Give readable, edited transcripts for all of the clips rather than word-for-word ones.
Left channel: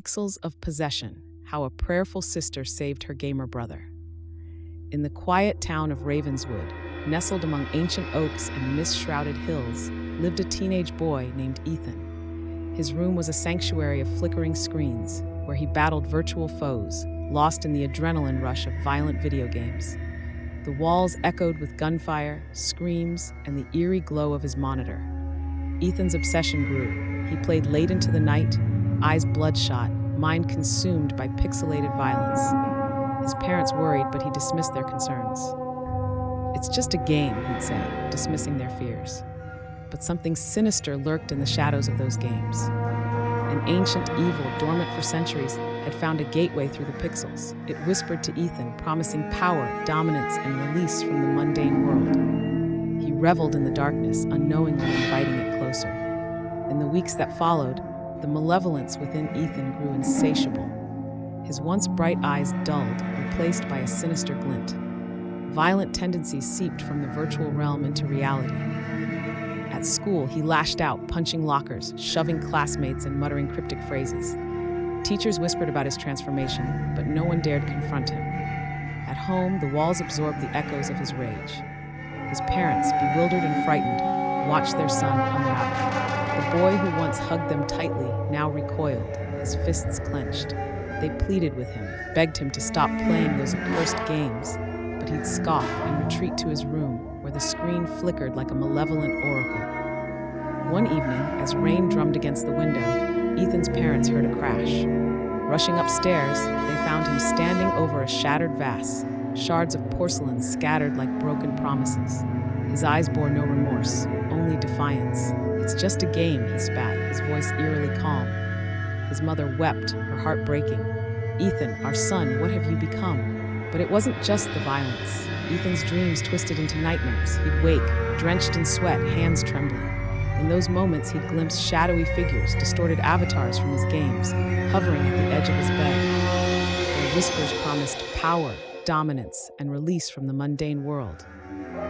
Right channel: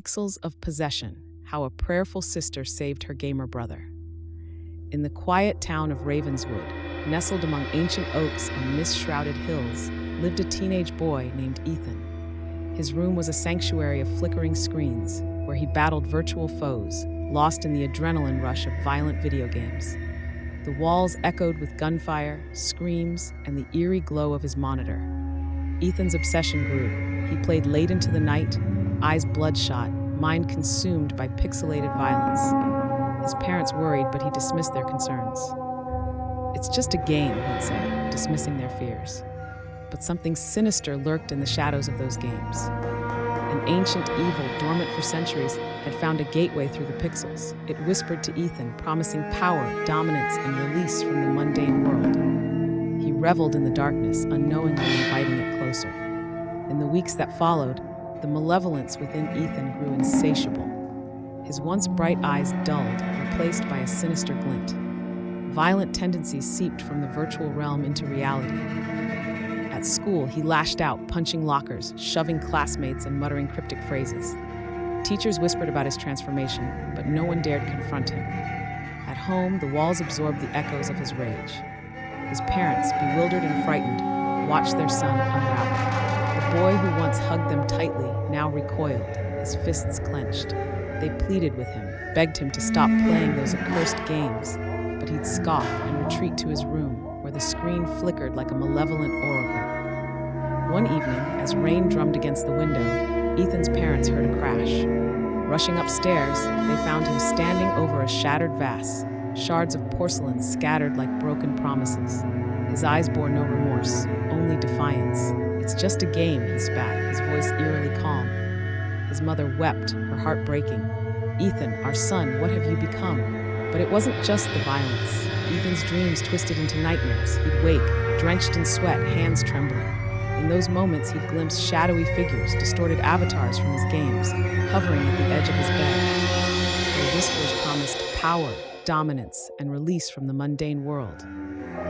Pixels of Possession: How a Prayerful Sister Saved Her Gamer Brother. In the quiet town of Ravenswood, nestled among ancient oaks and mist-shrouded hills, lived a teenage boy named Ethan. His room was a sanctuary of flickering screens, where he battled virtual foes, lost in the adrenaline rush of violent video games. The walls echoed with gunfire, screams, and the eerie glow of his monitor. Ethan's obsession grew. He played late into the night, eyes bloodshot, mind consumed by pixelated violence. His parents worried, but he dismissed their concerns. "It's just a game," he'd say, dismissing their fears. But something sinister lurked in the shadows of those games. An ancient evil, dormant for centuries, had found a gateway through the pixels. It whispered to Ethan, promising power, dominance, and release from the mundane world. He reveled in the darkness, unknowingly inviting it closer. In the weeks that followed, the malevolence within Ethan grew insatiable. His once bright eyes dulled, replaced by a sinister glint. Violent tendencies seeped from the virtual realm into reality. At school, he lashed out, punching lockers, shoving classmates, and muttering cryptic phrases. Teachers whispered about his transformation, but no one dared confront him. At home, the walls absorbed the echoes of his rage. His parents, bewildered and frightened, watched their son unravel. The boy who once hugged them tightly now recoiled, his fists clenched. They pleaded with him, begged him to stop playing those accursed games, but he'd scoff and retreat to his room, where the screen flickered like a malevolent oracle. One evening, as rain drummed against the window, Ethan's parents heard a crash. Rushing upstairs, they found him standing over a shattered vase, shards of porcelain scattered like broken promises. His eyes bore no remorse, only defiance. "It's just a game," he spat, his voice eerily calm. His mother wept, her heart breaking. "Ethan, our son, what have you become?" But it wasn't just the violence. Ethan's dreams twisted into nightmares. He'd wake, drenched in sweat, hands trembling. In those moments, he'd glimpse shadowy figures, distorted avatars from his games, hovering at the edge of his bed. Their whispers promised power, dominance, and release from the mundane world.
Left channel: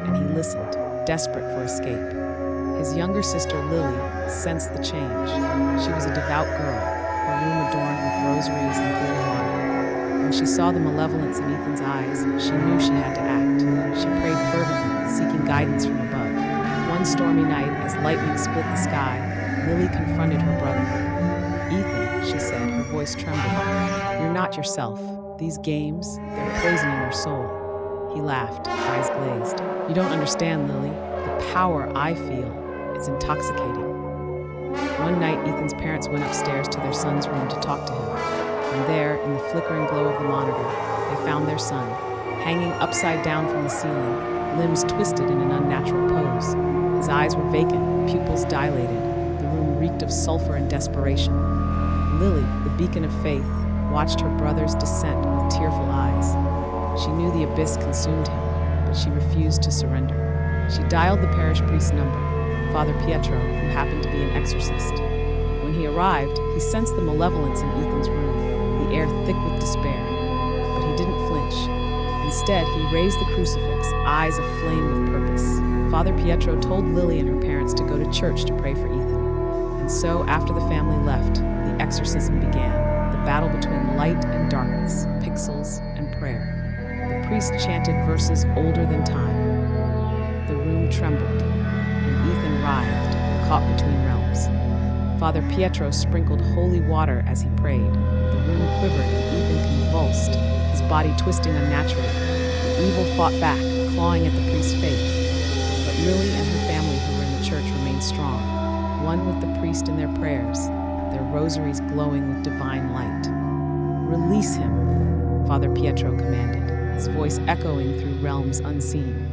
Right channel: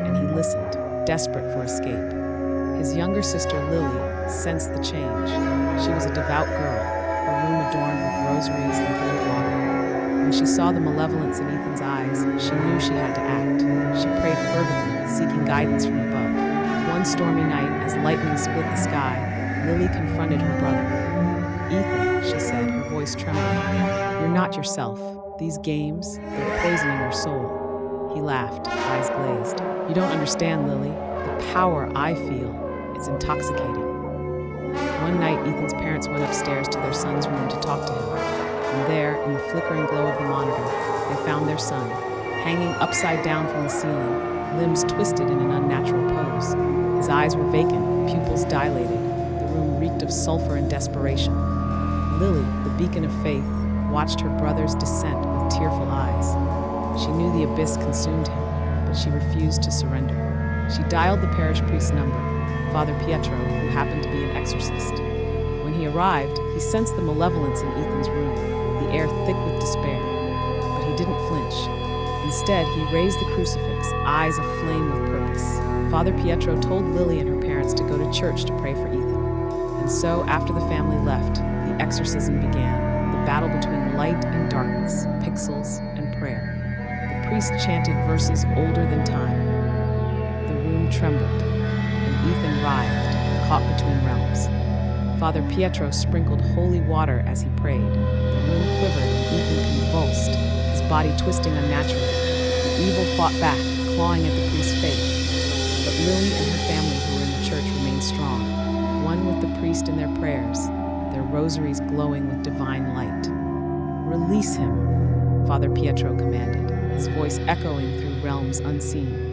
And he listened, desperate for escape. His younger sister, Lily, sensed the change. She was a devout girl, her room adorned with rosaries and holy water. When she saw the malevolence in Ethan's eyes, she knew she had to act. She prayed fervently, seeking guidance from above. One stormy night, as lightning split the sky, Lily confronted her brother. "Ethan," she said, her voice trembling, "you're not yourself. These games, they're poisoning your soul." He laughed, eyes glazed. "You don't understand, Lily. The power I feel, it's intoxicating." One night, Ethan's parents went upstairs to their son's room to talk to him. And there, in the flickering glow of the monitor, they found their son, hanging upside down from the ceiling, limbs twisted in an unnatural pose. His eyes were vacant, pupils dilated. The room reeked of sulfur and desperation. Lily, the beacon of faith, watched her brother's descent with tearful eyes. She knew the abyss consumed him, but she refused to surrender. She dialed the parish priest's number, Father Pietro, who happened to be an exorcist. When he arrived, he sensed the malevolence in Ethan's room, the air thick with despair. But he didn't flinch. Instead, he raised the crucifix, eyes aflame with purpose. Father Pietro told Lily and her parents to go to church to pray for Ethan. And so, after the family left, the exorcism began, the battle between light and darkness, pixels and prayer. The priest chanted verses older than time. The room trembled, and Ethan writhed, caught between realms. Father Pietro sprinkled holy water as he prayed. The room quivered and Ethan convulsed, his body twisting unnaturally. The evil fought back, clawing at the priest's faith. But Lily and her family who were in the church remained strong, one with the priest in their prayers, their rosaries glowing with divine light. "Release him," Father Pietro commanded, his voice echoing through realms unseen.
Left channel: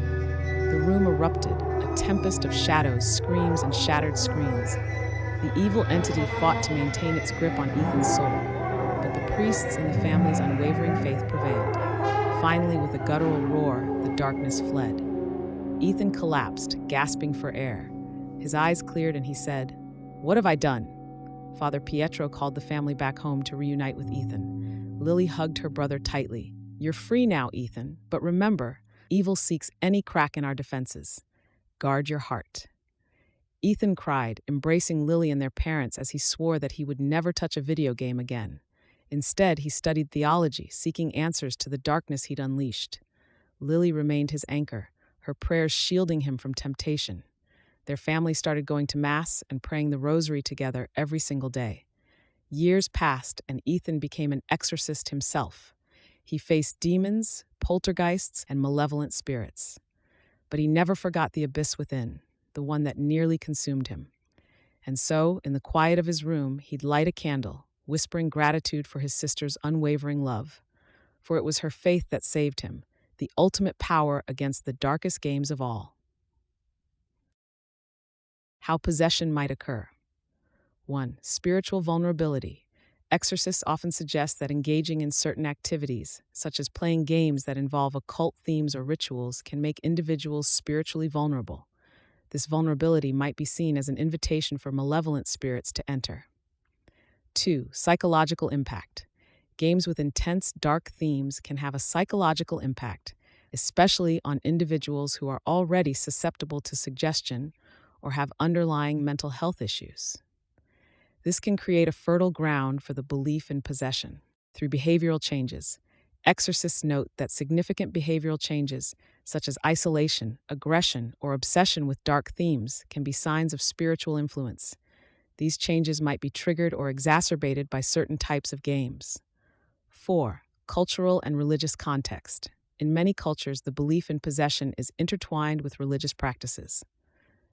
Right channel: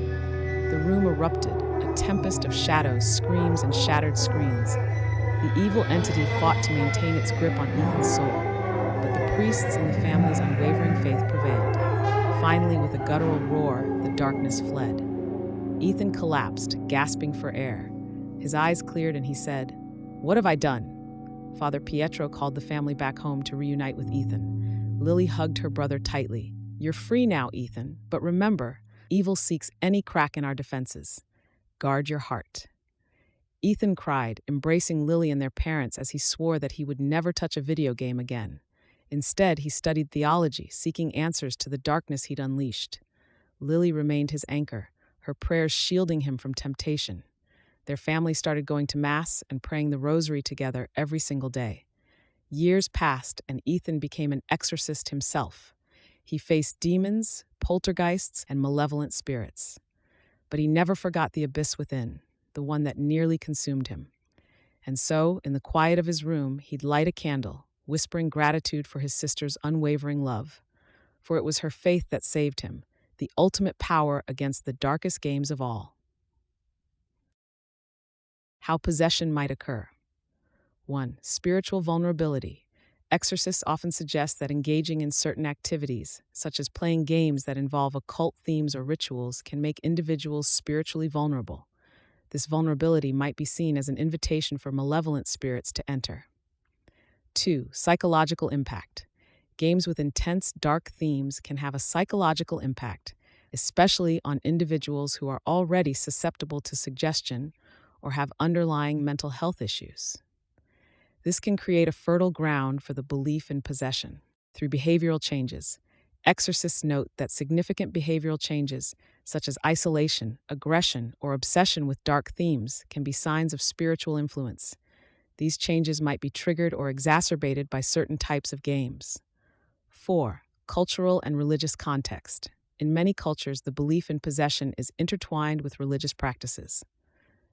The room erupted, a tempest of shadows, screams, and shattered screens. The evil entity fought to maintain its grip on Ethan's soul, but the priest's and the family's unwavering faith prevailed. Finally, with a guttural roar, the darkness fled. Ethan collapsed, gasping for air. His eyes cleared and he said, "What have I done?" Father Pietro called the family back home to reunite with Ethan. Lily hugged her brother tightly. "You're free now, Ethan, but remember, evil seeks any crack in our defenses. Guard your heart." Ethan cried, embracing Lily and their parents as he swore that he would never touch a video game again. Instead, he studied theology, seeking answers to the darkness he'd unleashed. Lily remained his anchor, her prayers shielding him from temptation. Their family started going to Mass and praying the Rosary together every single day. Years passed, and Ethan became an exorcist himself. He faced demons, poltergeists, and malevolent spirits. But he never forgot the abyss within, the one that nearly consumed him. And so, in the quiet of his room, he'd light a candle, whispering gratitude for his sister's unwavering love. For it was her faith that saved him, the ultimate power against the darkest games of all. How possession might occur. 1. Spiritual vulnerability. Exorcists often suggest that engaging in certain activities, such as playing games that involve occult themes or rituals, can make individuals spiritually vulnerable. This vulnerability might be seen as an invitation for malevolent spirits to enter. 2. Psychological impact. Games with intense, dark themes can have a psychological impact, especially on individuals who are already susceptible to suggestion or have underlying mental health issues. This can create a fertile ground for the belief in possession. Through behavioral changes, exorcists note that significant behavioral changes, such as isolation, aggression, or obsession with dark themes, can be signs of spiritual influence. These changes might be triggered or exacerbated by certain types of games. 4. Cultural and religious context. In many cultures, the belief in possession is intertwined with religious practices.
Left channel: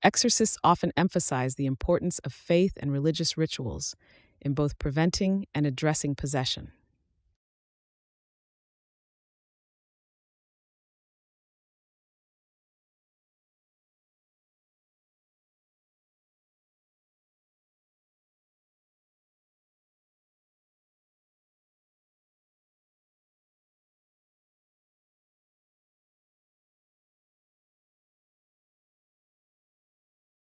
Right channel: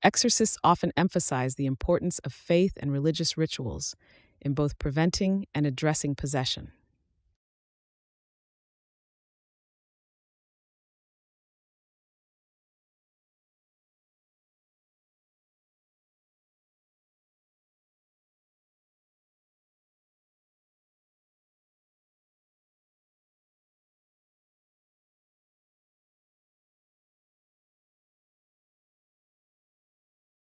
Exorcists often emphasize the importance of faith and religious rituals in both preventing and addressing possession.